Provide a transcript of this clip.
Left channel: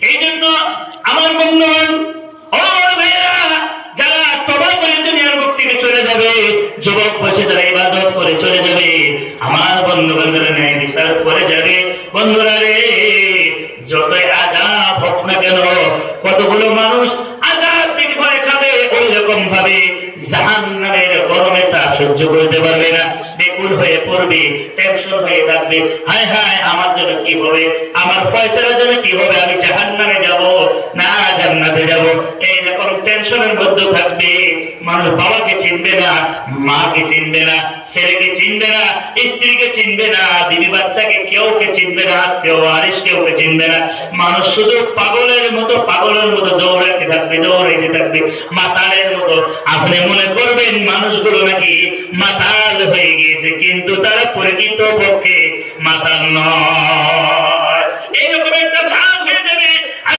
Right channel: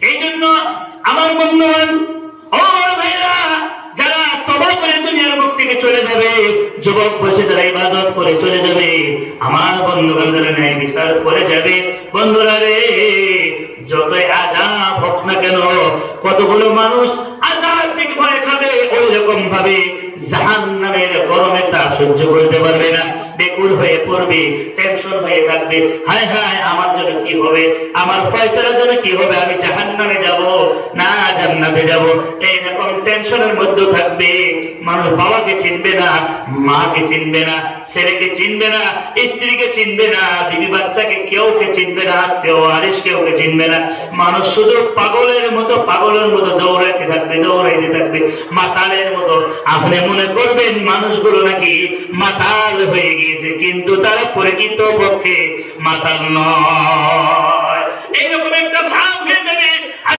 এই জন্য আমার বন্ধুগণ, ও ভাইরা, যারা তওবা করে দুনিয়ার মুখ থেকে চলে যাবে, যুবক বসে যারা ইবাদত করে চলে যাবে, আমার বন্ধুগণ যারা ন্যায় বিচার করে যাবে, বন্ধুরা রে, যতই আযাব হোক না কেন, কতগুলো মানুষ আযাব থেকে ভয় খাবে, ওই রকম ভাবে জাহান্নামের গরমে তা সহ্য করতে পারবে না, বেকুল হয়ে পড়বে, টেনশন হয়ে থাকবে, হায় হায় আমার জন্য কি হবে, আমার ফয়সালার জন্য কি হবে, আমি জাহান্নামে যাব না জান্নাতে যাব, এইরকম টেনশনের মধ্যে থাকবে। মানুষ বাবাকে চিনবে না, মাকে চিনবে না, ছেলেকে চিনবে না, স্ত্রীকে চিনবে না, বিবি বাচ্চাকে কেউকে চিনবে না, কেউ আরিস কেউকে চিনবে না। মানুষ শুধু পাগলের মতো দৌড়াইতে থাকবে, মাতালের মতো। আপনি মনে করবেন মানুষগুলো নাকি মাতাল হয়ে গিয়েছে, কিন্তু তারা প্রকৃত পক্ষে মাতাল নয়। এইরকম